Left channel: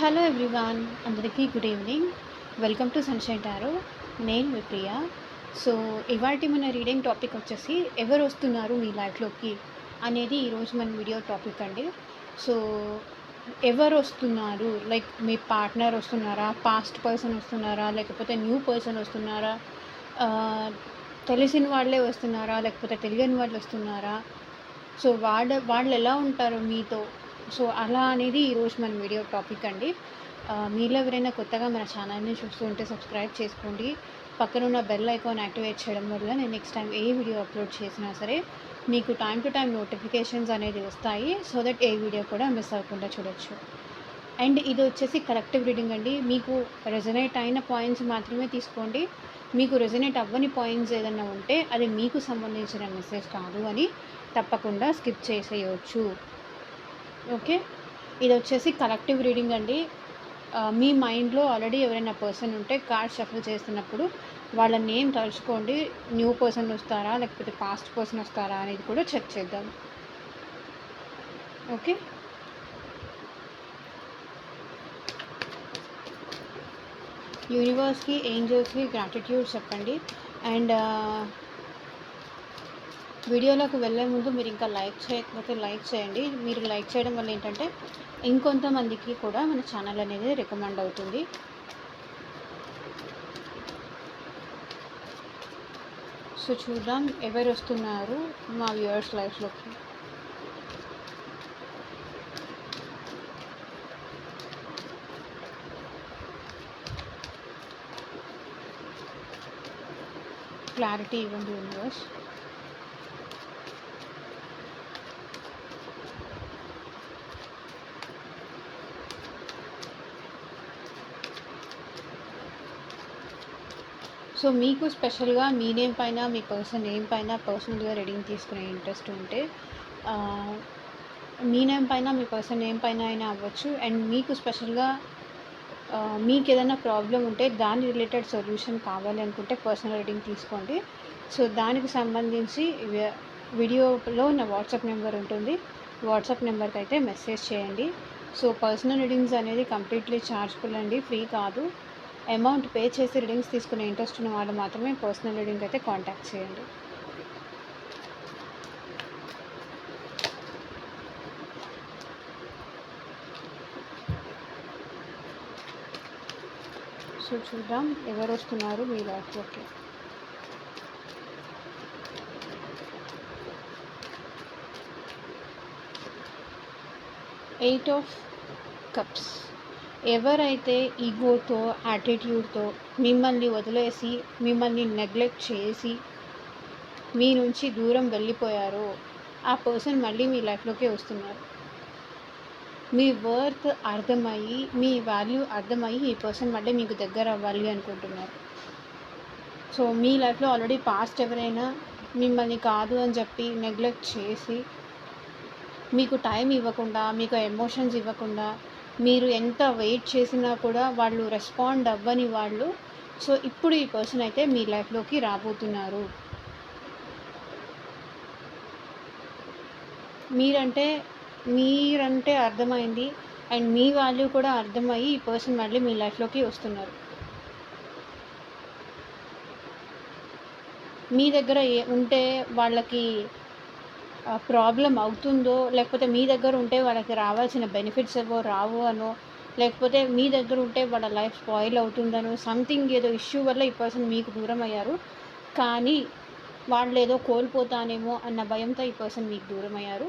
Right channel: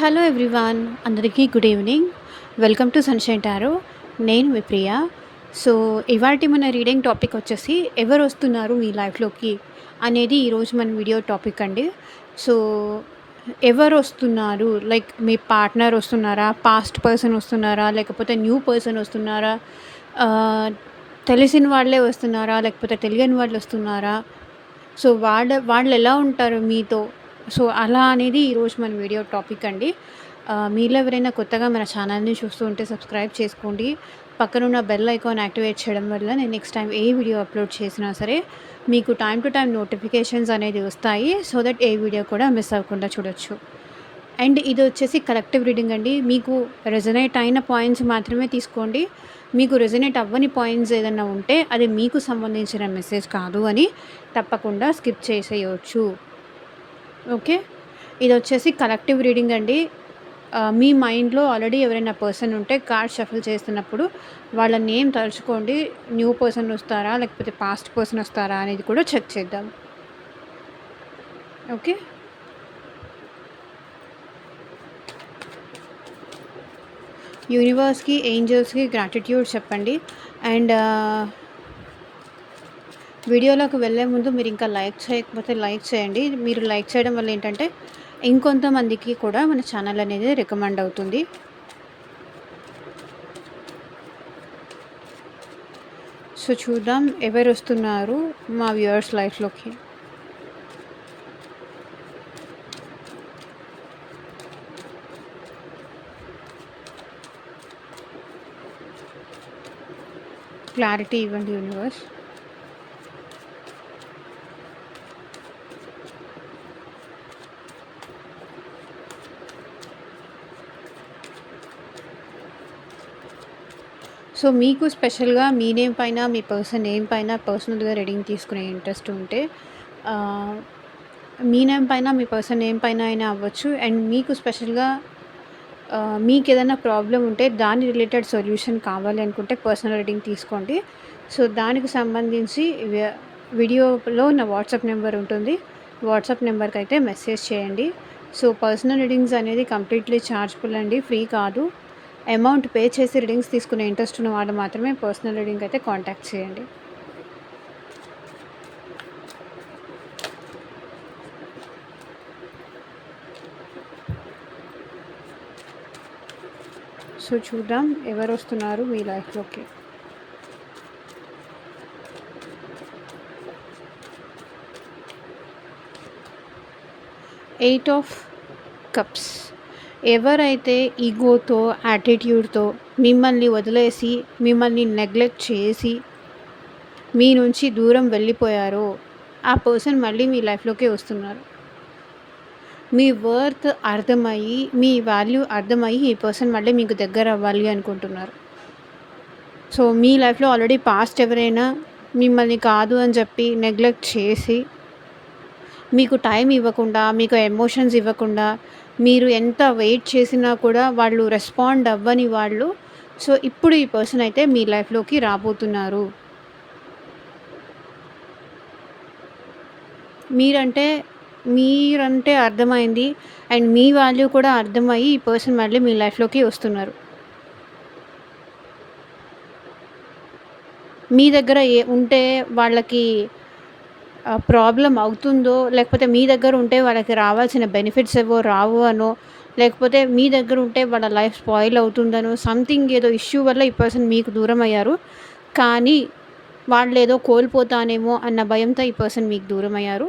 Hello everyone, అందరికీ good evening. Welcome to sunshine tarot. నేను మీ ప్రియ. So, ఇవాల్టి మన రీడింగ్ టాపిక్ వచ్చేసి ఎవరు వస్తున్నారు మీ లైఫ్‌లోకి అనేది ఈరోజు మన వీడియో టాపిక్ అండి. సో, ఎవరు వస్తున్నారు? లైక్ మీ పార్ట్నర్ వస్తున్నారా? పాస్ట్ పర్సన్ వస్తున్నారా? లేకపోతే న్యూ పర్సన్ వస్తున్నారా? ఆహ్, తెలిసిన వాళ్ళే వస్తున్నారా? లేకపోతే తెలియని వాళ్ళు వస్తున్నారా? సో, వాళ్ళెలా ఉంటారు మీతో? సో, అలా అనేది ఈరోజు మన వీడియో టాపిక్ అండి. మీలో ఎవరైనా కొత్తగా మన ఛానల్‌ని చూస్తూ ఉంటే సబ్స్క్రైబ్ చేసుకోండి. పక్కనున్న బెల్ ఐకాన్ యాక్టివేట్ చేయడం వల్ల నేను నెక్స్ట్ టైం ఏ వీడియో అప్లోడ్ చేసినా సరే మీకు టైమ్ టు టైమ్ నోటిఫికేషన్స్ అనేది వస్తాయి. సో దట్ ఏ వీడియో కూడా మిస్ అవ్వకుండా చూడొచ్చు. అండ్ ఇది వచ్చేసి కలెక్టివ్ రీడింగ్ అండి. మీకు రెజొనేట్ అయిన పాయింట్స్ మాత్రమే తీసుకోండి. మీకు రెజొనేట్ అవ్వని పాయింట్స్ ఏదన్నా ఉంటే అది మీకు సంబంధించిన మెసేజ్ కాదు అని తప్పకుండా స్కిప్ చేసేయొచ్చు. ఓకే. ఇదొచ్చేసి కలెక్టివ్ రీడింగ్ అండి. మీ మైండ్‌లో ఆల్రెడీ ఎవరైనా పర్సన్ ఉంటే కార్డ్ షఫుల్ చేస్తున్నప్పుడు వాళ్ళ నేమ్ తలుచుకోండి. న్యూ పర్సన్ వస్తారా? లేకపోతే పాస్ట్ పర్సన్ వస్తారా? అనేది కూడా చెక్ చేద్దాం. ఓకే. యూనివర్స్‌కి, ఏంజెల్స్‌కి గ్రాటిట్యూడ్ చెప్పండి. అండ్ వీడియోలోకి వెళ్ళే ముందు మీరు ఇంకా లైక్ చేయకపోతే లైక్ చేయండి. మీరు లైక్ చేయడం వల్ల ఏంటంటే ఇంకొంతమందికి కూడా మన ఛానల్ అనేది రికమెండ్ అవుతుంది. సో, చూద్దాం ఎవరొస్తున్నారు మా వ్యూవర్స్ లైఫ్‌లోకి. క్లారిటీ ఇవ్వండి యూనివర్స్. సో, మీకు స్పెషల్‌గా మీ నేమ్ పైన, మీ పర్సన్ నేమ్ పైన పర్సనల్‌గా రీడింగ్ తీసుకునే ఇంట్రెస్ట్ ఉంటే ఆహ్, మీ నేమ్ పైన, మీ పర్సన్ నేమ్ పైన అయినా అవ్వచ్చు. అండ్ మీకు స్పెషల్‌గా మీకేదైనా ప్రాబ్లమ్ ఉంటే దాని రిలేటెడ్ సొల్యూషన్ కావాలి అనుకుంటే పర్సనల్ రీడింగ్ తీసుకోండి. సో, దానికి సంబంధించి వీడియోలో నా వాట్సాప్ నెంబర్ ఉంటుంది. వాట్సాప్ నెంబర్‌కైతే మెసేజ్ చేయండి. సో, పర్సనల్ రీడింగ్స్ అనేది కంప్లీట్‌లీ చార్జబుల్ అండి. ఫ్రీ కాదు. అమౌంట్ పే చేసి రీడింగ్స్ తీసుకునే ఇంట్రెస్ట్ ఉన్న వాళ్ళు మాత్రమే పర్సనల్ రీడింగ్ అయితే కాంటాక్ట్ చేయండి. సో, చూద్దాం ఎవరొస్తున్నారు మీ లైఫ్‌లోకి. Eight of cups. ఎవరైతే ఈగోతో, యాటిట్యూడ్‌తో మిమ్మల్ని వదిలేసి, మిమ్మల్ని నెగ్లెక్ట్ చేసి, మీ నుంచి దూరం వెళ్ళిపోయారో, ఆ పర్సన్ మళ్ళీ మీ లైఫ్‌లోకే వస్తున్నారు. మీ వర్త్ అర్థమయ్యి, మీ వాల్యూ అర్థమయ్యి ఈ పర్సన్ మళ్ళీ మీకు దగ్గర అవ్వాలి అనుకుంటున్నారు. సో, మీ లైఫ్‌లో ఆల్రెడీ పాస్ట్ ఎవరైనా మిమ్మల్ని కాదు అని చెప్పి నెగ్లెక్ట్ చేసి, మీకు టైం ఇవ్వకుండా, మీకు ఎమోషన్స్ ఇవ్వకుండా, మీరు ఎంత వెయిట్ చేసినా కూడా వాళ్ళు రెస్పాండ్ అవ్వని వాళ్ళు, సో, ఇప్పుడు ఈ పర్సన్ అయితే మీ లైఫ్‌లోకి రాబోతున్నారు. మీరంటే మీరంటే అర్థమైంది. అండ్ మీ వాల్యూ కూడా అర్థమయ్యి ఈ పర్సన్ మళ్ళీ మీ లైఫ్‌లోకి వస్తున్నారు. మీ దగ్గర ఉంటే వాళ్ళకి ప్రాబ్లమ్ అవుతుందో, లేకపోతే మీ దగ్గర ఉంటే వాళ్ళకి రావాల్సిన బెనిఫిట్స్ ఏవో రావు అనో, లేకపోతే మీ దగ్గర ఉంటే వాళ్ళ లైఫ్ స్పాయిల్ అవుతుందనో, సంథింగ్ ఏదో ఇష్యూ వల్ల ఈ పర్సన్ మీకు దూరం అయ్యారు. కానీ వాళ్ళేదో కోల్పోతానేమో అన్న భయంతో ఈ పర్సన్ మీకు దూరమయ్యారు.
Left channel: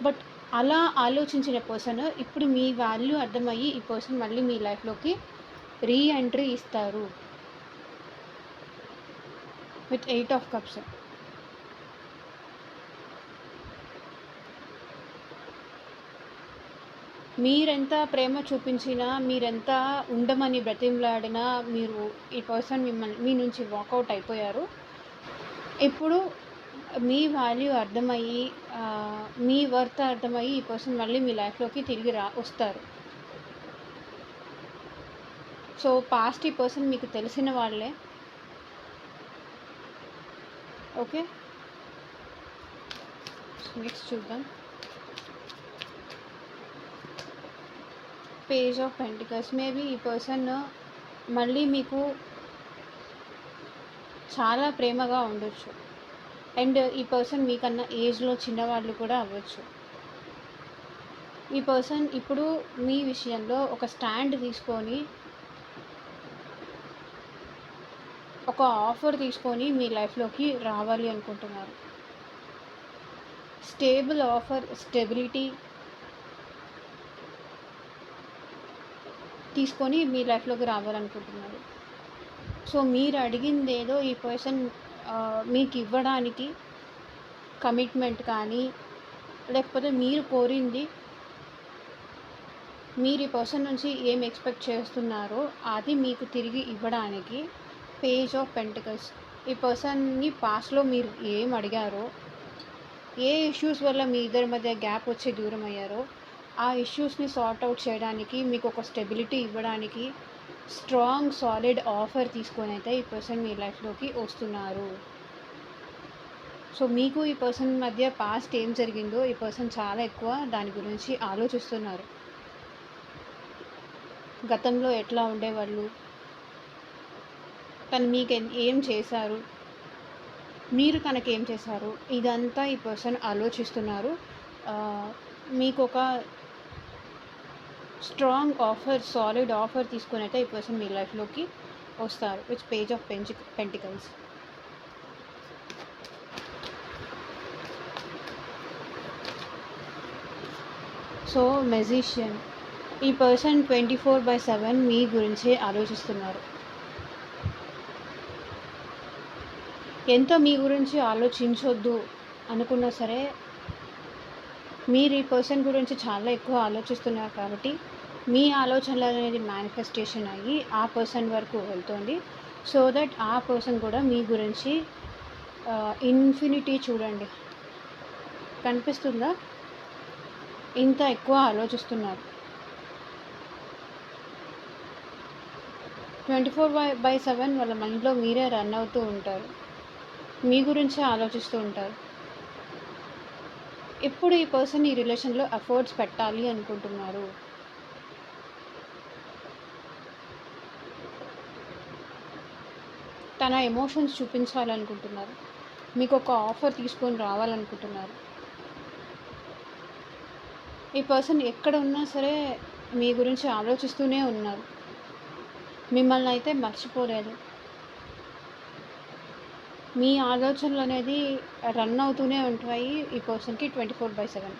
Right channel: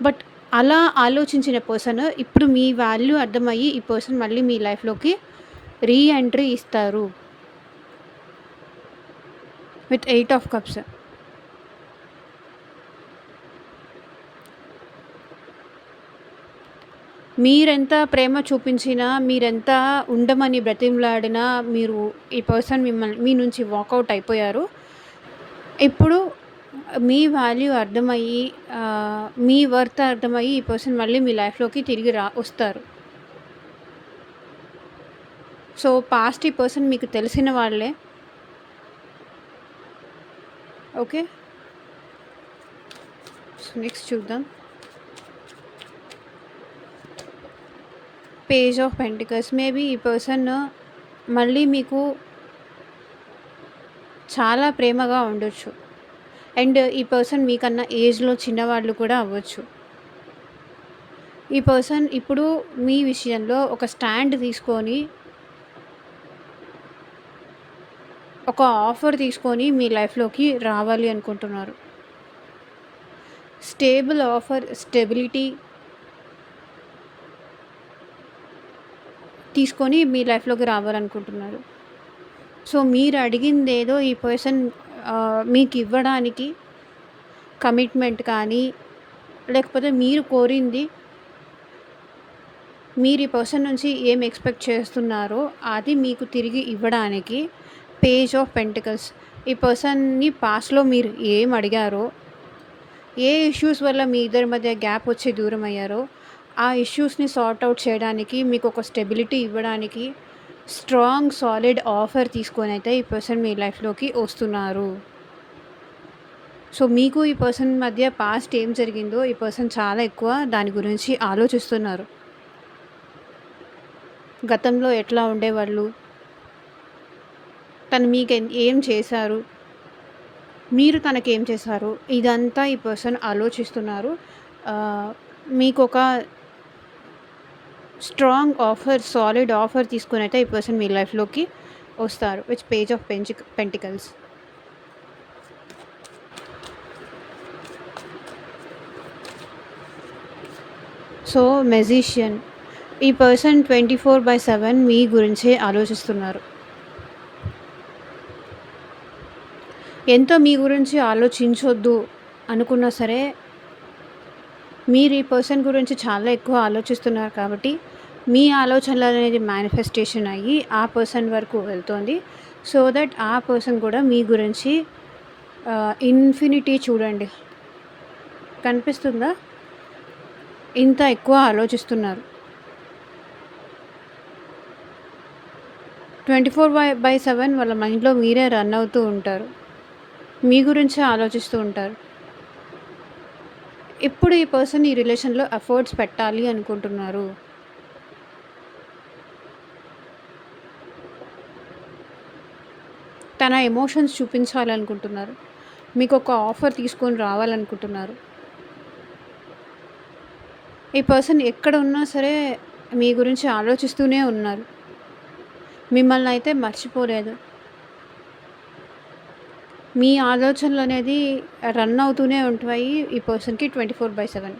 బట్ అలా ఆలోచించిన పర్సన్ ఇప్పుడు మీ వాల్యూ అర్థమయ్యి ఈ పర్సన్ మళ్ళీ మీ లైఫ్‌లోకి రీ ఎంట్రీ ఇస్తారు. With eight of cups. మీరెంత ప్రేమ చూపించినా, మీరెంత ఉండమని బ్రతిమలాడినా, మీరు ఈ పర్సన్ మీ నుంచి వాకౌట్ అయిపోయారు. ఇప్పుడు మీ వాల్యూ అర్థమయ్యి, మీ వర్త్ అర్థమయ్యి ఈ పర్సన్ మళ్ళీ మీ లైఫ్‌లోకి తిరిగి వస్తారు. సో, పాస్ట్ ఈ పర్సన్ మీకు తెలిసిన వాళ్ళే. ఓకే. సో, నెక్స్ట్ చూద్దాం. Page of pentacles. మేబీ ఈ పర్సన్ మళ్ళీ మీకు చాలా ప్రేమగా ఉండొచ్చు. అండ్ ఈ పర్సన్ మీకన్నా ఏజ్‌లో చిన్నవాళ్ళు కూడా అవ్వచ్చు. ఈ పర్సన్ ఇప్పుడు మీ విషయంలో ఒక స్టాండ్ తీసుకొని, ఒక ఆఫర్ తీసుకొని మీ లైఫ్‌లోకి రావాలి అనుకుంటున్నారు. స్టేబుల్ ఆఫర్, స్టెబిలిటీ తీసుకొని మీ లైఫ్‌లోకి రావాలనుకుంటున్నారు. సో, మీరు అడిగిందేదో ఈ పర్సన్ మీకివ్వడానికి కమిట్మెంట్ కానీ, లేకపోతే మీరు కోరింది, మీరు ఈ పర్సన్ నుంచి ఏం ఎక్స్‌పెక్ట్ చేస్తున్నారో అది మీకు తిరిగి ఇవ్వడానికి పేజ్ ఆఫ్ పెంటికల్స్. ఈ పర్సన్‌ని పాస్ట్‌లో మీరు ఏం అడిగారో, ఏ ఇష్యూస్ వల్ల మీ ఇద్దరి మధ్య గ్యాప్ వచ్చి దూరమయ్యారో, ఆ ఇష్యూస్‌ని సార్ట్ ఔట్ చేయడానికి, మీకొక స్టెబిలిటీ ఇవ్వడానికి స్ట్రాంగ్, సాలిడ్ ఆఫర్ తీసుకొనైతే ఈ పర్సన్ మీ లైఫ్‌లోకి వస్తున్నారు. సో, మీకు ఈ పర్సన్ మధ్య పాస్ట్ ఏం జరిగిందో ఈ పర్సన్ చాలా ఎక్కువ దాని గురించి ఆలోచిస్తున్నారు. గతంలో ఎట్లా ఉండేవాళ్ళు? తను ఏం చేశారు? మీరు తనకేం చేశారు? ఇదంతా ఈ పర్సన్ ఆలోచిస్తున్నారు. మీకొక స్ట్రాంగ్ ఆఫర్, సాలిడ్ ఆఫర్ తీసుకొనైతే ఈ పర్సన్ మీ లైఫ్‌లోకి వస్తారు. Which page of pentacles. So, magician. ఈ పర్సన్ 24/7 మీ గురించే ఆలోచిస్తున్నారు. ఎంతో మీ గురించి ఆలోచించొద్దు అనుకున్నా సరే, మీరు ఈ పర్సన్ గురించి చాలా ఎక్కువ ఆలోచిస్తున్నారు కాబట్టి, మీ ఆలోచనలనేది మేనిఫెస్టేషన్ అయ్యి ఆ పర్సన్ వరకు వెళ్తోంది. సో దట్ ఆ పర్సన్ కూడా మీ గురించి ఇన్ఫినిటీ చూడండి. కనిపిస్తుందా? ఇంత ఎక్కువ ఆలోచిస్తున్నారు. 24/7 వాళ్ళ మైండ్‌లో మీరే రన్ అవుతూ ఉంటారు. మీ గురించే ఆలోచిస్తూ ఉంటారు. ఇప్పుడు ఈ పర్సన్ ఈ రిలేషన్‌లో ఎఫర్ట్స్ పెట్టాలి అనుకుంటున్నారు. తన ఎమోషన్స్ చూపించాలనుకుంటున్నారు. మీకొక ఆఫర్ తీసుకొని రావాలనుకుంటున్నారు. ఈ పర్సన్ ఎక్కడ ఉన్నా సరే మీ గురించి ఆలోచిస్తూనే ఉన్నారు. మిమ్మల్ని అయితే మర్చిపోలేదు. మీ ఆలోచనలనేది రన్ అవుతూనే ఉంటాయి ఈ పర్సన్‌కి 24/7.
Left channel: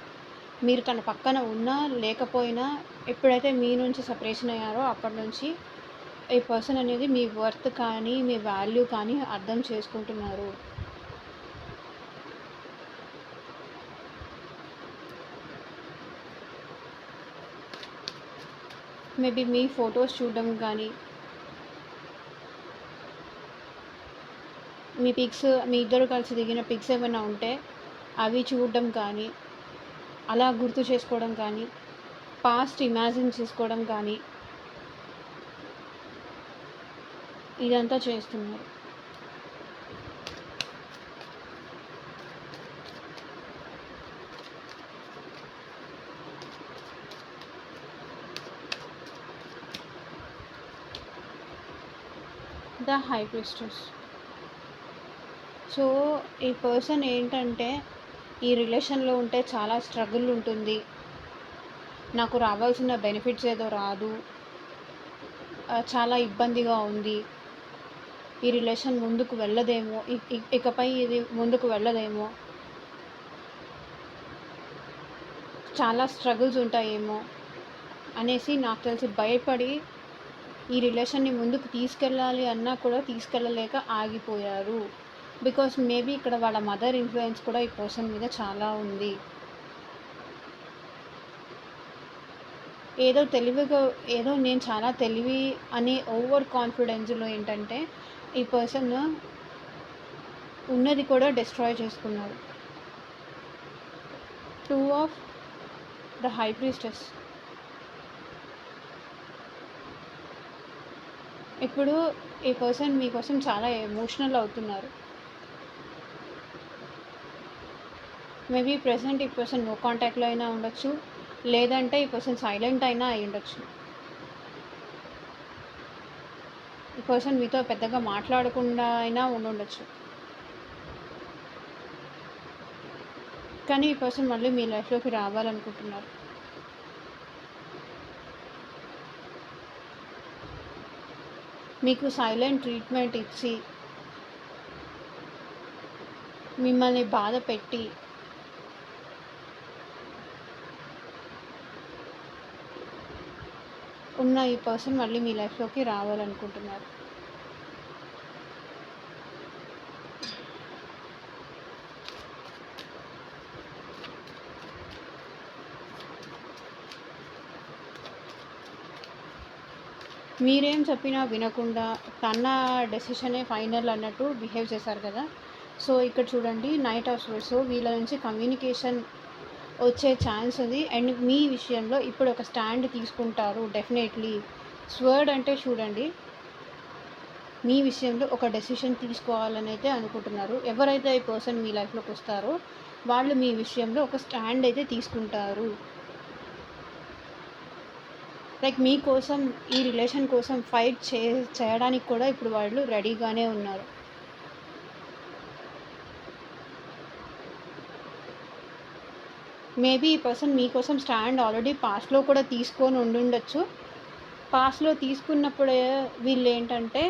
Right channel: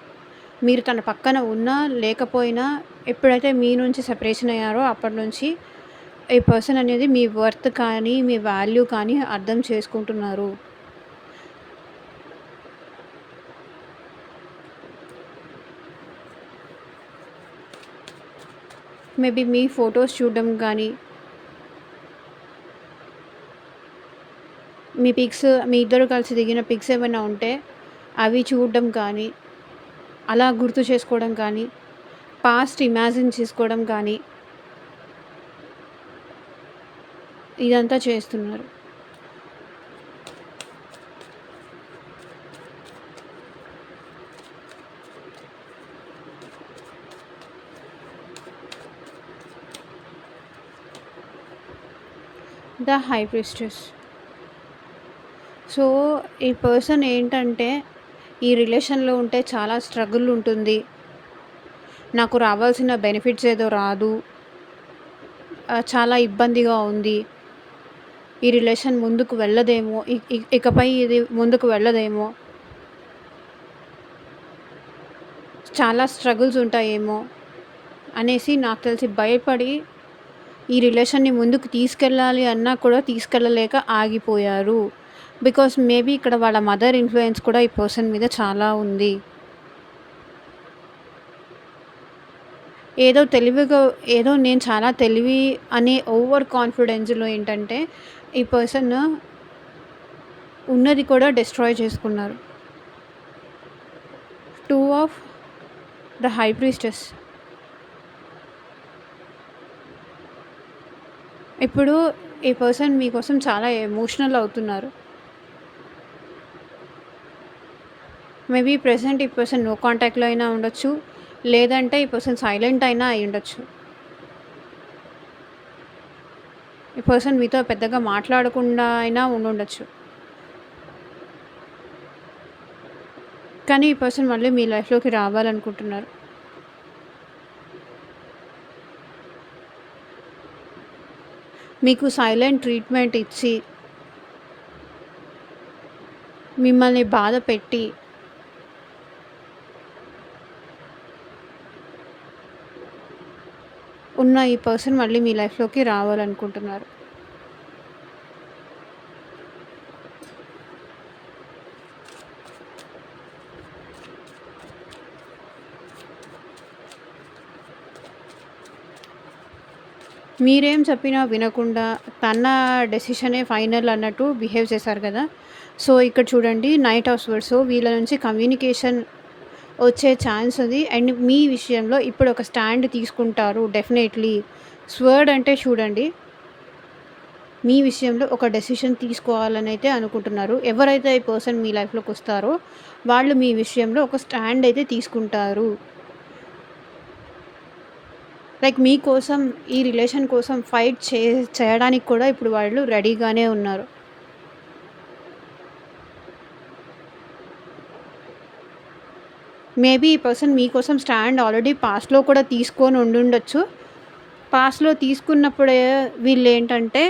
మీరు తన పక్కన ఉన్నా, లేకపోయినా ఎప్పుడైతే మీ నుంచి సెపరేషన్ అయ్యారో అప్పటి నుంచి ఈ పర్సన్ అనేది మీ వర్త్ కానీ, మీ వాల్యూ కానీ అర్థం చేసుకుంటున్నారు. మేబీ మీ ఫొటోస్ చూడడం కానీ, మీ పిక్స్, మీ ఇద్దరు కలిసి దిగిన పిక్స్ ఏమైనా ఉంటే అవి చూడడం కానీ, అలా గుర్తు చేసుకోవడం కానీ, పాస్ట్ ఇమాజిన్ చేసుకోవడం కానీ, ఇదంతా చేస్తున్నారు. The high priestess. సో, ఈ పర్సన్ ఏంటంటే ఈ రిలేషన్‌లో ఉంటే చాలా స్ట్రగుల్ ఉంటుంది. నాకు రావాల్సిన బెనిఫిట్స్ ఏదో రాదు. చాలా ఇబ్బందిగా ఉంది. ఈ రిలేషన్ ముందుకు వెళ్ళదేమో. ఇకపై ఇది ముందుకు వెళ్ళదేమో. చాలా స్ట్రగుల్స్ ఉంటాయేమో అనేసి నాకు తెలిసి భయపడి ఈ రిలేషన్‌ని ముందుకు తీసుకెళ్ళాలి అన్నా కూడా తీసుకెళ్ళలేక ఆగిపోయారు. బికాస్ మేబీ ఇక్కడ వాళ్ళ మదర్ ఇన్‌ఫ్లూయెన్స్ కూడా ఈ పర్సన్ మీద చాలా ఉంది. ఏదో నేను చాలా తెలివి అనే ఓవర్ కాన్ఫిడెన్స్‌లో ఏంటంటే ఈ పర్సన్ ఉన్నది కూడా డిస్ట్రాయ్ చేసుకున్నారు. 2 ఆఫ్ ద హై ప్రీస్టెస్. ఇప్పుడు ఈ పర్సన్ మీకోసం చాలా ఎమోషనల్ అవుతున్నారు. మేబీ ప్రెజెంట్ ఈ పర్సన్ నో కాంటాక్ట్‌లో అయినా ఉండొచ్చు. లేదంటే ఈ పర్సన్ సైలెంట్ అయినా అయ్యుండొచ్చు. ఈ పర్సన్ మీతో పెద్దగా మాట్లాడకుండా అయినా ఉండుండొచ్చు. కానీ ఈ పర్సన్ మళ్ళీ మీ లైఫ్‌లోకి రావాలనుకుంటున్నారు. మీకు సైలెంట్ ట్రీట్మెంట్ ఇచ్చి, మిమ్మల్ని బాధపెట్టి, ఉన్న ఈ పర్సన్ మళ్ళీ మీ లైఫ్‌లోకి రావాలనుకుంటున్నారు. మీరేం చెప్పినా వినకుండా తన డెసిషనే ఫైనల్ అన్నట్టు బిహేవ్ చేశారు కదా! సో, ఇక్కడ చూడండి నైట్ ఆఫ్ స్వర్డ్స్. సో, వీళ్ళ నుంచి కమ్యూనికేషన్ వచ్చే ఛాన్స్ ఉంది. అండ్ మీ విషయంలో ఇప్పుడు ఒక స్టాండ్ తీసుకుంటారు డెఫినెట్‌లీ. స్వర్డ్ అంటే చూడండి, మీ విషయంలో ఒక డెసిషన్ తీసుకోవాలనైతే అనుకుంటున్నారు. ఎవరైతే ఈ పర్సన్ మీ లైఫ్‌లోకొస్తారో వాళ్ళు మీ విషయంలో ఒక స్టాండ్ అయితే తీసుకుంటారు. లైక్ మీకోసం, ఈ రిలేషన్ కోసం ఫైట్ చేయడానికి కూడా ఇప్పుడు వాళ్ళు రెడీగానే ఉన్నారు. మేబీ ఈ పర్సన్ మీకోసం స్టాండ్ ఆల్రెడీ పాస్ట్‌లో కూడా తీసుకొని ఉండుండొచ్చు. పాస్ట్‌లో తీసుకున్నప్పుడే వీళ్ళేంటంటే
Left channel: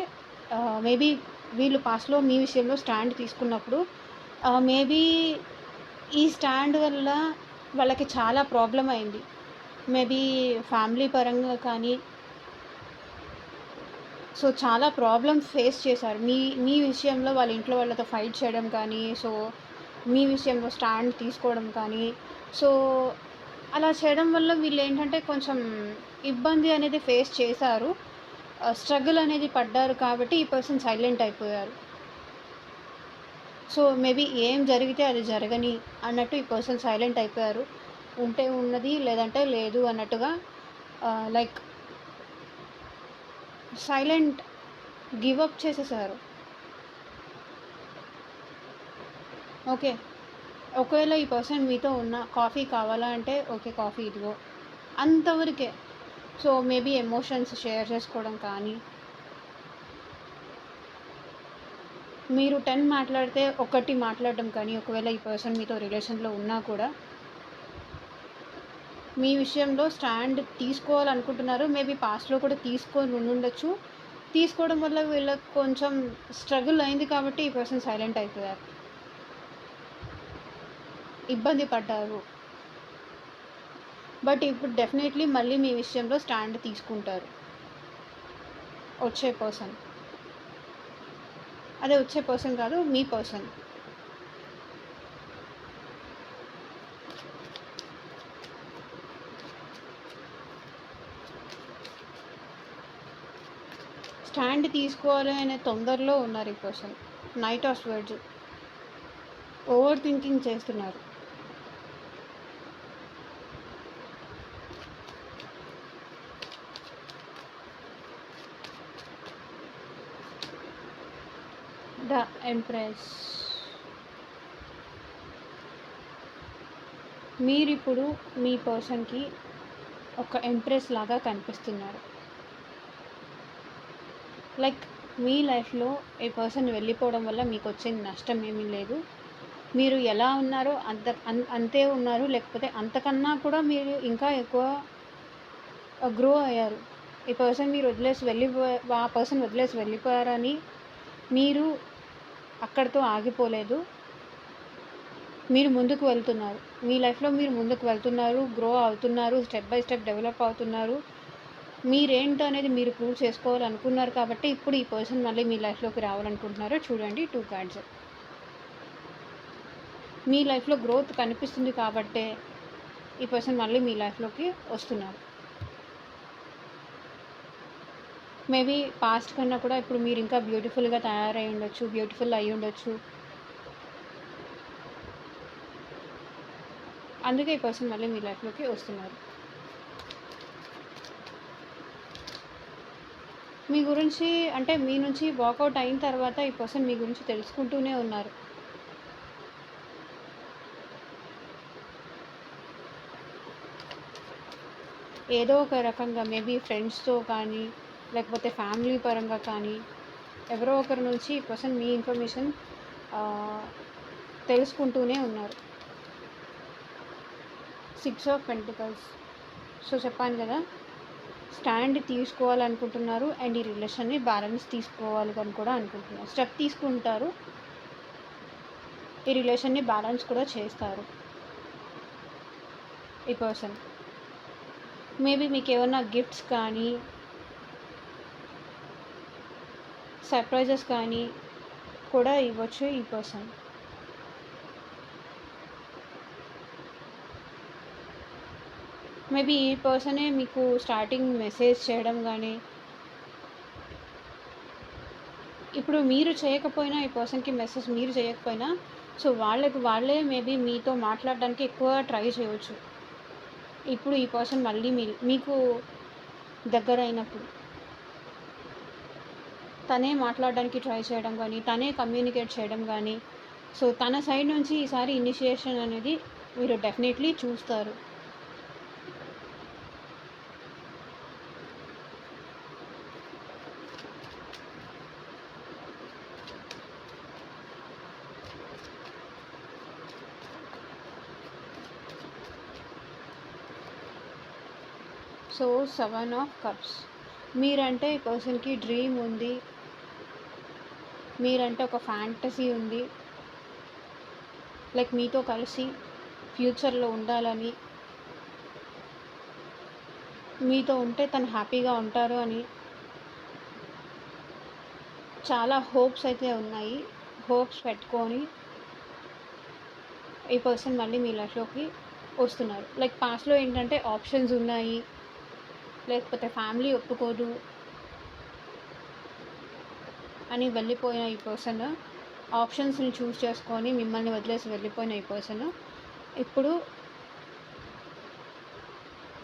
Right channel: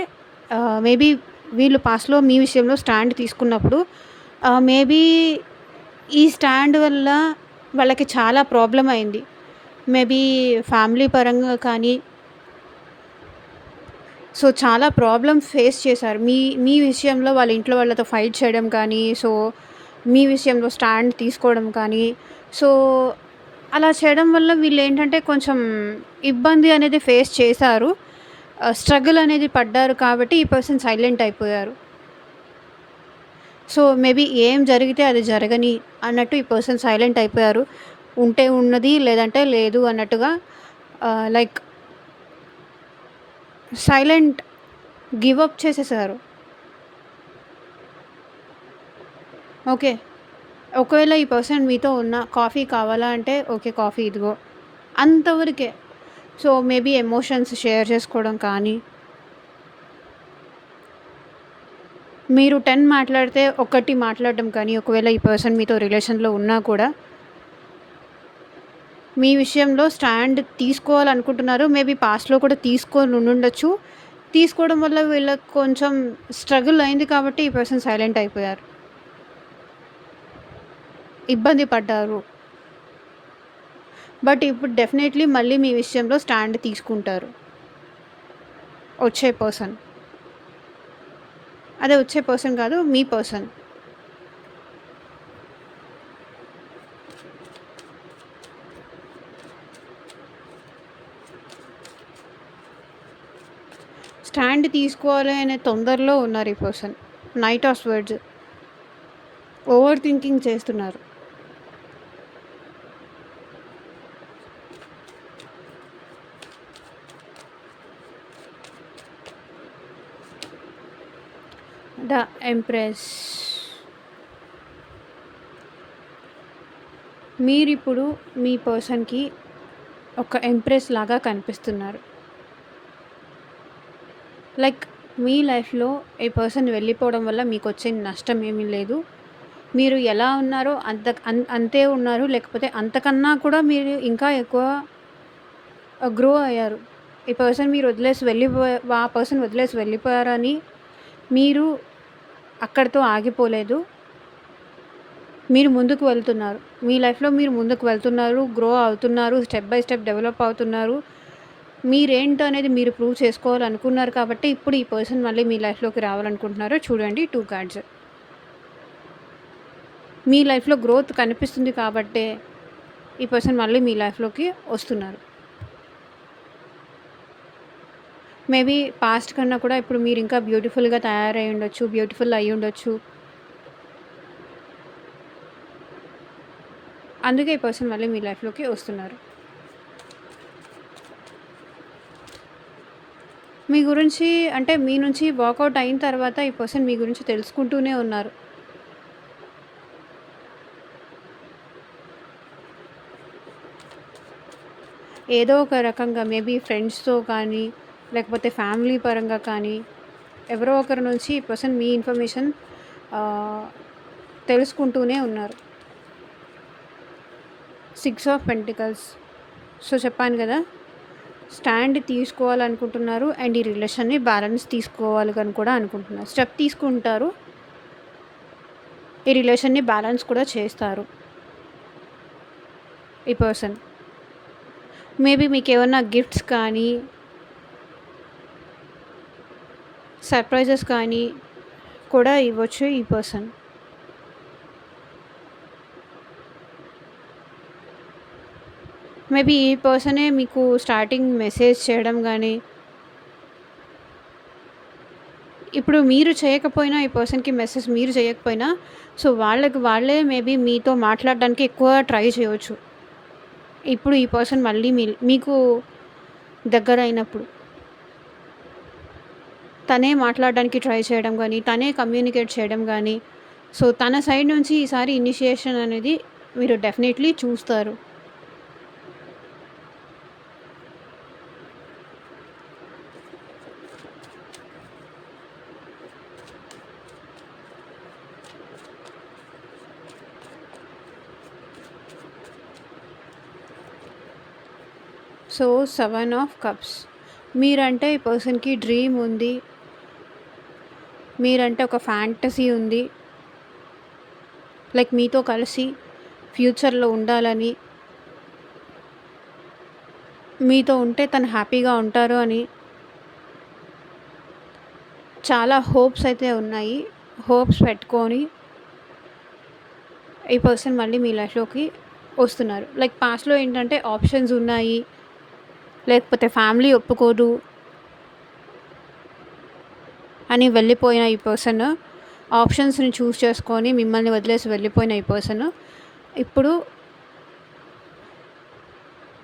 మేబీ వీళ్ళు పాస్ట్‌లో మీ విషయంలో స్టాండ్ తీసుకున్నప్పుడు మేబీ ఈ స్టాండ్ వల్ల వాళ్ళకి చాలా ప్రాబ్లమ్ అయింది. మేబీ ఫ్యామిలీ పరంగా కానీ, సో, చాలా ప్రాబ్లమ్స్ ఫేస్ చేశారు. మీ మీ విషయంలో వాళ్ళ ఇంట్లో వాళ్ళతో ఫైట్ చేయడం కానీ, సో, మీ విషయంలో స్టాండ్ తీసుకోవడం కానీ, సో, అలా చేయడం వల్ల వీళ్ళేంటంటే కొంచెం ఇబ్బంది అనేది ఫేస్ చేశారు. స్ట్రగుల్ అనేది పడ్డారు కాబట్టి ఈ పర్సన్ సైలెంట్ అయిపోయారు. సో, మేబీ ఏం జరిగితే అది జరగని అన్నట్టు ఈ పర్సన్ సైలెంట్ అయిపోయారు. ఉంటే ఉన్నది లేదంటే లేదు అన్నట్టుగా లైక్ సైలెంట్ గివ్ అప్ చేసేసారు. ఓకే. ఒకవేళ ఈ పర్సన్ మీతో ఉన్న కాఫీ కావాలా అంటే, ఓకే. కాఫీ ఇదిగో. అంతవరకే. సో, మేబీ ఎమోషన్స్ షేర్ చేసుకోవడం కానీ, మీరు 10 మాట్లాడితే ఒకటి మాట్లాడడం కానీ, ఒకవేళ ఈ పర్సన్ మీతో రిలేషన్‌లో ఉన్నా కూడా, మీ విషయంలో స్టాండ్ తీసుకోవాలనుకుంటున్నారు. మేబీ పాస్ట్‌లో కూడా తీసుకొని ఉండుండొచ్చు. తీసుకోవడం వల్ల వీళ్ళకి కొంచెం స్ట్రగుల్ అయింది కాబట్టి ఈ పర్సన్ సైలెంట్ అయిపోయారు. ఇబ్బంది పడ్డారు. బట్ ఇప్పుడు డెఫినెట్‌లీ మళ్ళీ మీ విషయంలో స్టాండ్ తీసుకుంటారు. వచ్చే పర్సన్. అదే వచ్చే పర్సన్ కాదు, మీ పర్సన్. స్టాండ్ తీసుకోవాలి అనే తొందరలో ఉన్నారు ఈ person. Knight of swords. Over thinking చేస్తున్నారు. The empress. మీరిప్పుడు మీ పర్సన్‌కి ఒక ఎంప్రెస్ లాగా కనిపిస్తున్నారు. లైక్ మీ లైఫ్‌లో ఈ పర్సన్ వెళ్ళిపోవడం వల్ల మీకొచ్చే నష్టం ఏమీ లేదు. మీరు ఎలా ఉన్నారో అంతే ఉన్నారు. లేకపోతే అంతకన్నా కూడా మీరు ఇంకా ఎక్కువ గ్రో అయ్యారు. ఈ పర్సన్ మీరు వదిలేసి ఆ పర్సన్ వదిలేసి వెళ్ళిపోయారని మీరు అక్కడితో ఆగిపోలేదు. మీరు ముందుకు వెళ్తున్నారు. మీ లైఫ్‌లో మీరు ముందుకు వెళ్తున్నారు. గ్రో అవుతున్నారు. స్టెప్ బై స్టెప్ డెవలప్ అవుతున్నారు. మీరేంటో అనేది మీరు ప్రూవ్ చేసుకోవాలనుకున్నారు కాబట్టి ఇప్పుడు ఈ పర్సన్ మళ్ళీ మీ లైఫ్‌లోకి రావాలనుకుంటున్నారు. చూడండి 2 కార్డ్స్. మీ లైఫ్‌లో గ్రోత్ కనిపిస్తుంది కాబట్టే ఈ పర్సన్ మళ్ళీ మీ లైఫ్‌లోకి వస్తున్నారు. మేబీ పాస్ట్ కన్నా కూడా ఇప్పుడు మీరు ఇంకా బ్యూటిఫుల్‌గా తయారై ఉండొచ్చు. బ్యూటిఫుల్ అయ్యుండొచ్చు. అందుకే ఈ పర్సన్ మళ్ళీ మీ లైఫ్‌లోకి వస్తున్నారు. మీ గురించి అంటే మీ నుంచి వర్కౌట్ అయిన తర్వాత ఈ పర్సన్ మీ గురించి తెలుసుకుంటూనే ఉన్నారు. ఏదో ఒక రకంగా మేబీ ఫ్రెండ్స్‌తో కానీ, లేకపోతే ఫ్యామిలీ పరంగా కానీ, ఎవరో ఒకరి నుంచి ఈ పర్సన్ మీ ఇన్ఫర్మేషన్ ఆహ్, తెలుసుకుంటూనే ఉన్నారు. 6 ఆఫ్ పెంటికల్స్. సో, చెప్పాను గదా! స్టాండ్ తీసుకోవాలనుకుంటున్నారు అండ్ ఈ రిలేషన్‌ని బ్యాలెన్స్ తీసుకోవాలి అని కూడా అనుకుంటున్నారు. స్టెప్ తీసుకుంటారు. ఈ రిలేషన్‌ని బ్యాలెన్స్ కూడా చేస్తారు ఈ పర్సన్. మేబీ మీకేమన్నా గిఫ్ట్స్ కానీ, సర్ప్రైజెస్ కానీ కూడా ఇవ్వచ్చు ఈ పర్సన్. మేబీ ఈ పర్సనే మీకు స్టార్టింగ్ మెసేజ్ చేయడం గానీ, ఇప్పుడు మీరు చేయకపోయినా ఈ పర్సన్‌కి మెసేజ్ మీరు చేయకపోయినా, సో, వాళ్ళకి వాళ్ళే మేబీ మీతో మాట్లాడడానికి ఎక్కువ ట్రై చేయవచ్చు. ఇప్పుడు ఈ పర్సన్ మళ్ళీ మీకు దగ్గరైనప్పుడు. తనే మాట్లాడడానికి ట్రై చేయడం గానీ, తనే కమ్యూనికేట్ చేయడం గానీ, సో, తన సైడ్ నుంచి ఈసారి ఇనిషియేషన్ అనేది మీరు డెఫినెట్‌లీ చూస్తారు. So, 7 of cups. మీరంటే ఈ పర్సన్‌కి డ్రీమ్ ఉంది. మీరంటే ఒక ఫ్యాంటసీ ఉంది. లైక్ మీతో కలిసి ఫ్యూచర్‌లో ఉండాలని, మీతో ఉంటే తను హ్యాపీగా ఉంటారు అని చాలా హోప్స్ అయితే ఉన్నాయి. హోప్స్ పెట్టుకొని ఈ పర్సన్ మళ్ళీ మీ లైఫ్‌లోకి వస్తున్నారు. లైక్ పాస్ట్‌లో ఏంటంటే ఆప్షన్స్ ఉన్నాయి. లేకపోతే ఫ్యామిలీ ఒప్పుకోదు అని వెళ్ళిపోయిన ఈ పర్సన్, ఆప్షన్స్‌ని చూస్ చేసుకొని మిమ్మల్ని వదిలేసి వెళ్ళిపోయిన ఈ పర్సన్, ఇప్పుడు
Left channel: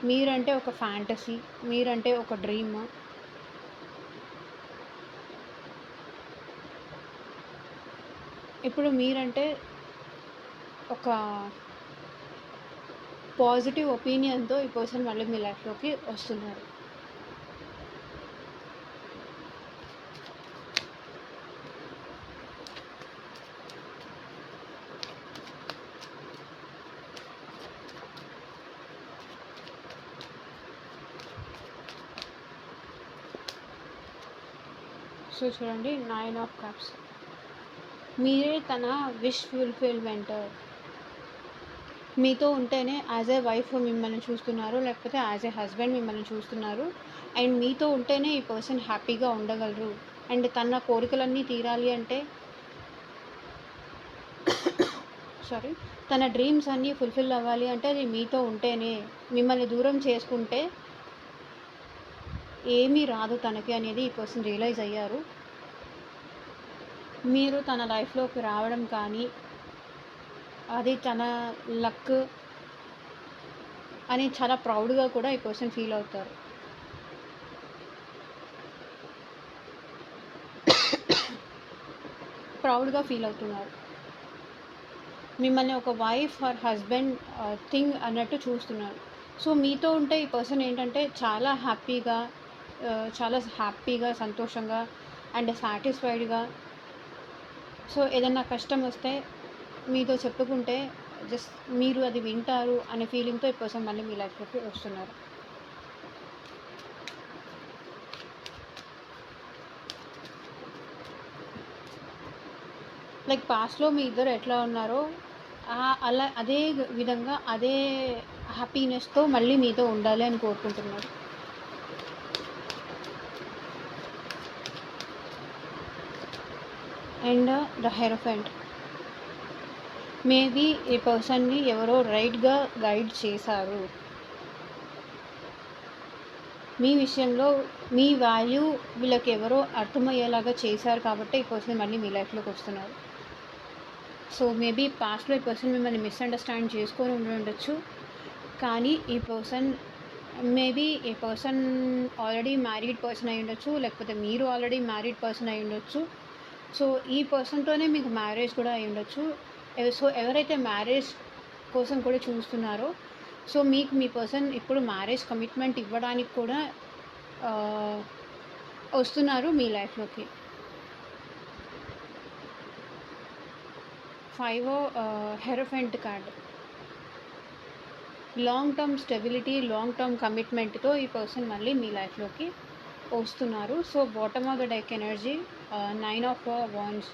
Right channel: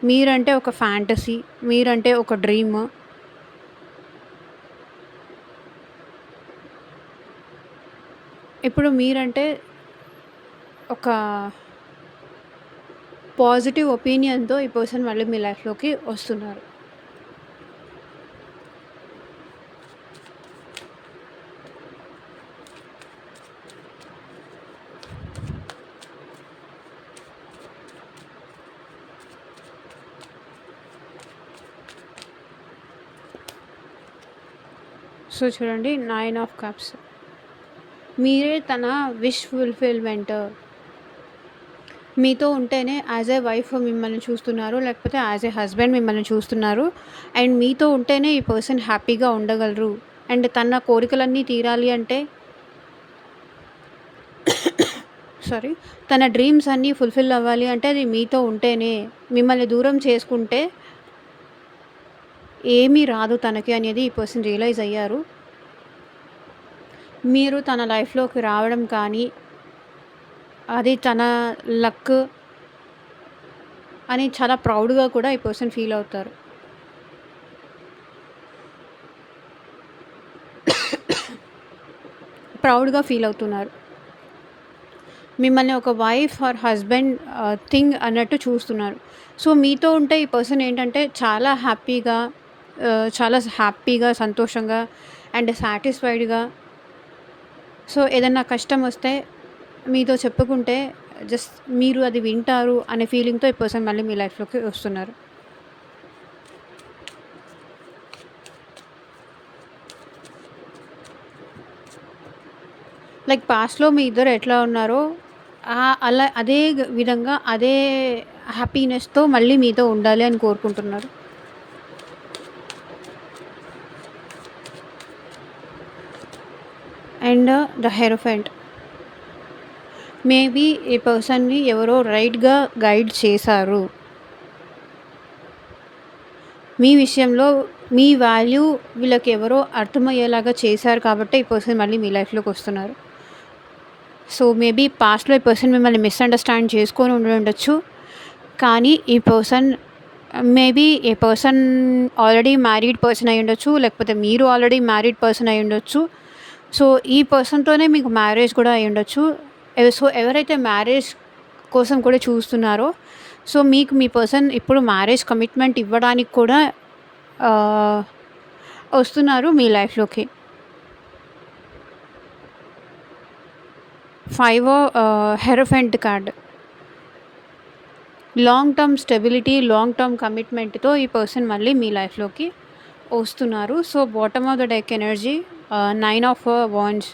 మీరంటే ఒక ఫ్యాంటసీ, మీరంటే ఒక డ్రీమ్. ఇప్పుడు మీరంటే ఒక పాజిటివ్ ఒపీనియన్‌తో ఈ పర్సన్ మళ్ళీ మీ లైఫ్‌లోకి వస్తున్నారు. సో, చూడండి 9 ఆఫ్ కప్స్. మీరే తన విష్ ఫుల్‌ఫిల్‌మెంట్. మీతో ఉంటేనే యాజ్ ఎ వైఫ్ మిమ్మల్ని చూస్తున్నారు. లేకపోతే యాజ్ ఎ హస్బెండ్ మిమ్మల్ని చూస్తున్నారు. అండ్ మీతో ఉంటేనే ఈ పర్సన్ హ్యాపీగా ఉండగలరు. అండ్ తన కోరికలన్నీ తీరాలి అంటే సారీ, తన డ్రీమ్స్ అన్నీ ఫుల్‌ఫిల్ అవ్వాలి అంటే అది మీతో ఉంటేనే. మిమ్మల్ని దూరం చేసుకుంటే ఏమీ రాదు తనకి అనేది ఈ పర్సన్ రియలైజ్ అయ్యారు. మీరు తన లైఫ్‌లోకి రావడం కానీ, అది తన లక్ అని చాలా ప్రౌడ్‌గా కూడా ఈ పర్సన్ ఫీల్ అవుతారు. ప్రౌడ్‌గా ఫీల్ అవుతున్నారు. మిమ్మల్ని ఒక వైఫ్ ఆర్ హస్బెండ్ థింగ్ అన్నట్టు చూస్తున్నారు. సో, మీతో ఉంటే ఈ పర్సన్ ఏంటంటే చాలా హ్యాపీగా, సంతోషంగా అండ్ సాటిస్ఫైడ్‌గా, సో, ఏదన్నా కష్టం వస్తే మీతో చెప్పుకుంటే జస్ట్ మీరు అది వింటారు అనే ఫీలింగ్‌తో ఈ పర్సన్ మళ్ళీ మీ లైఫ్‌లోకి వస్తున్నారు. లైక్ పాస్ట్‌లో మీ ఇద్దరు ఎట్లా ఉన్నారో అలా అదే విధంగా అదే హ్యాపీనెస్‌తో మళ్ళీ మీతో ఉండాలి అని కోరుకుంటున్నారు. And the hierophant. మేబీ ఈ పర్సన్‌ని ఎవరో రైట్‌గా గైడ్ చేశారు. మీ విషయంలో మీ వాల్యూ వీళ్ళకి ఎవరో అర్థమయ్యేలాగా చేశారు కాబట్టి ఈ పర్సన్ మళ్ళీ మీ లైఫ్‌లోకి వస్తున్నారు. సో, మేబీ పాస్ట్‌లో ఈ పర్సన్ మిమ్మల్ని మిస్‌అండర్‌స్టాండ్ చేసుకొని ఉండొచ్చు. కానీ ఈ పర్సన్ మేబీ ఈ పర్సన్ ఆల్రెడీ మ్యారీడ్ పర్సన్ అయ్యుండొచ్చు. లేకపోతే మీరు ఆల్రెడీ మ్యారీడ్ పర్సన్ అయ్యుండొచ్చు. సో, ఈ పర్సన్‌తోనే మీకు మ్యారేజ్ కూడా అయ్యుండొచ్చు. సో, ఎవరైతే మ్యారేజ్ కోసం కూడా చూస్తున్నారో, సో, మీకు మీ పర్సన్ ఇప్పుడు మ్యారేజ్ కమిట్మెంట్ ఇవ్వడానికి కూడా ఆహ్, వస్తున్నారు మీ లైఫ్‌లోకి. 5 hierophant card. Long term stability, long term కమిట్మెంట్‌తో ఈ పర్సన్ మళ్ళీ మీ లైఫ్‌లోకి వస్తున్నారు. So, bottom of the deck energy 9 of wands.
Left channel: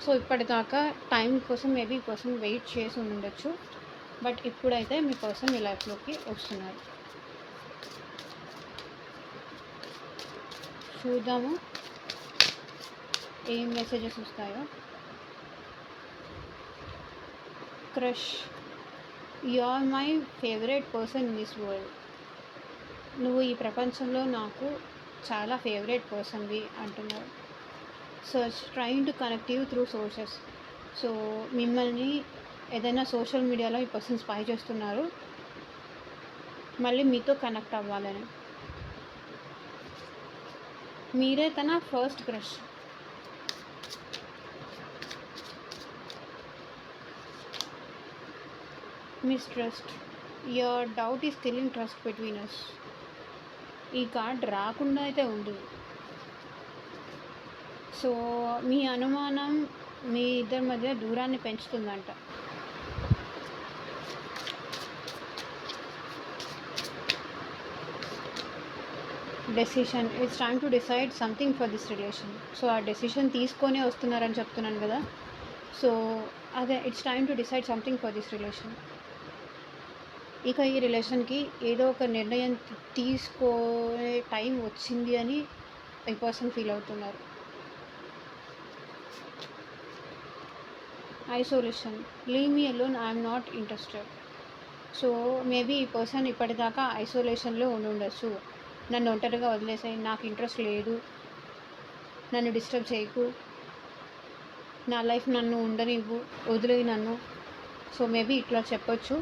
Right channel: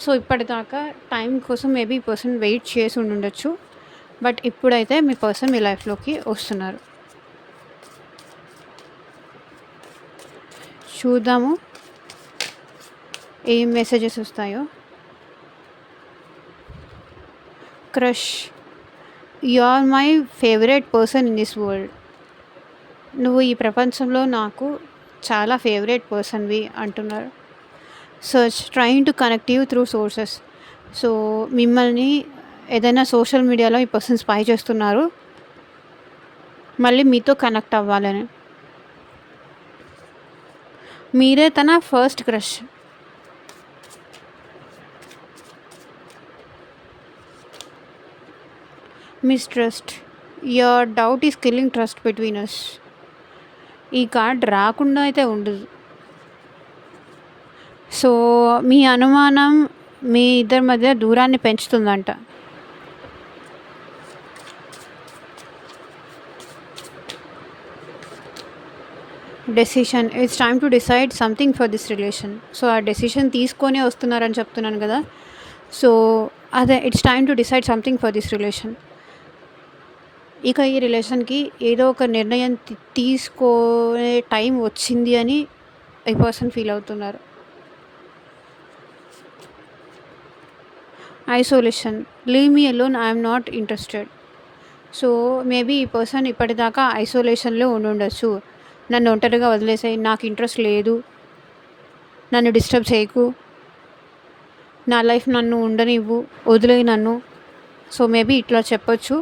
So, ఇప్పటిదాకా టైం కోసం మేబీ ఈ పర్సన్ వెయిట్ చేసి ఉండుండొచ్చు. బట్ ఇప్పుడైతే మీ పర్సన్ మీ లైఫ్‌లోకి వస్తున్నారు. చూద్దాము ఏం మెసేజెస్ వస్తాయో. Crush. You are my favourite person in this world. నువ్వు ఈ ప్రపంచంలో నాకు చాలా ఫేవరెట్ పర్సన్‌వి అంటున్నారు. Search trying to connect you through sources. So, మిమ్మల్ని ఏదైనా సోషల్ మీడియాలో ఈ పర్సన్ స్పై చేస్తున్నారు. మళ్ళీ మీతో కనెక్ట్ అవ్వాలని. మీరే తన first crush. Mistrust. Your doubt is killing trust between us. ఈ కార్డ్ రాకుండా అయితే ఉండదు. సో, మీ అనుమానం మీ ఇద్దరి మధ్య దూరాన్ని పెంచుతుందంట. Decision. It's time to decide something for this relation. So, ఆ డెసిషన్ తీసుకొనే వస్తున్నారని చెప్తున్నాను కదా! సో, అదే it's time to decide something for this relation. ఇక ఈ రిలేషన్‌కి ఏదో ఒక నిర్ణయం తీసుకునే టైం వచ్చింది అని ఈ పర్సన్ ఫీల్ అవుతున్నారు. Isolation. Leave me alone, I am not interested. So, maybe ఈ పర్సన్ ఇప్పటిదాకా ఐసోలేషన్‌లో ఉండుండొచ్చు. నన్ను ఒంటరిగా వదిలేసేయి, నాకు ఇంట్రెస్ట్ లేదు, నన్ను డిస్టర్బ్ చేయకు, నా లైఫ్ నన్ను ఉండనివ్వు, వదిలేయి నన్ను. సో, మేబీ ఇట్లా చెప్పొచ్చు.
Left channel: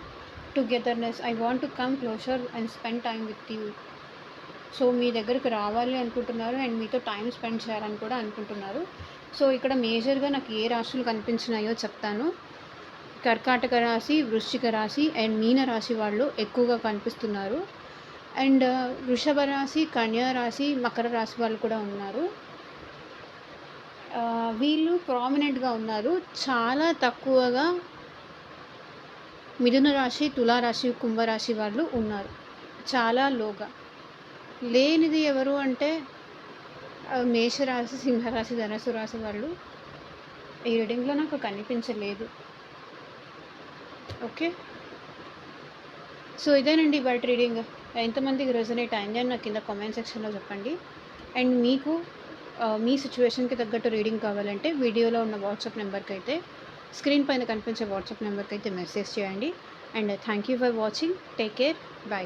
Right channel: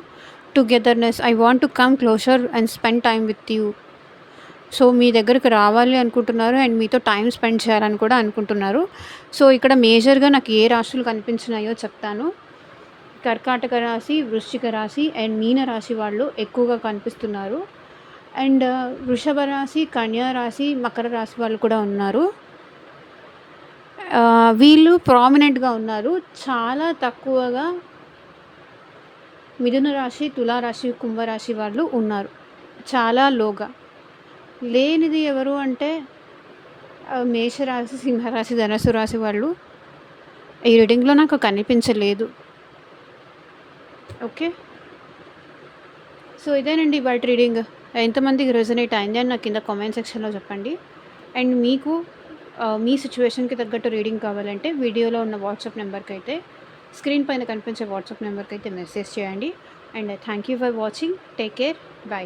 Togetherness. I want to come closer and spend time with you. So, మీ దగ్గరికి రావాలి అనుకుంటున్నారు అండ్ మీతో టైం స్పెండ్ చేయాలని కూడా అనుకుంటున్నారు. సో, ఇక్కడ మేజర్‌గా నాకు ఏ రాశులు కనిపించినాయో చెప్తాను. కర్కాటక రాశి, వృశ్చిక రాశి అండ్ మీన రాశి వాళ్ళు ఎక్కువగా కనిపిస్తున్నారు. అండ్ వృషభ రాశి, కన్యా రాశి, మకర రాశి వాళ్ళు కూడా ఉన్నారు. వీళ్ళు ప్రామినెంట్‌గా ఉన్నారు. చాలా తక్కువగా మిథున రాశి, తులారాశి, కుంభరాశి వాళ్ళు ఉన్నారు. చాలా లోగా. లేనిది ఎవరు అంటే మేషరాశి, సింహరాశి, ధనుస్సు రాశి వాళ్ళు ఈ రీడింగ్‌లో నాకు కనిపించలేదు. ఓకే. సో, ఇదేనండి ఇవాల్టి రీడింగ్. ఎంతమందికి రెజొనేట్ అయింది అని నాకు కింద కామెంట్ సెక్షన్‌లో చెప్పండి. అండ్ మీకు మీ సిట్యుయేషన్‌కి తగ్గట్టు రీడింగ్ కావాలంటే వీడియోలో ఉన్న వాట్సాప్ నెంబర్‌కైతే, స్క్రీన్ పైన కనిపించే వాట్సాప్ నెంబర్‌కైతే మెసేజ్ చేయండి. And thank you for watching. Take care. By.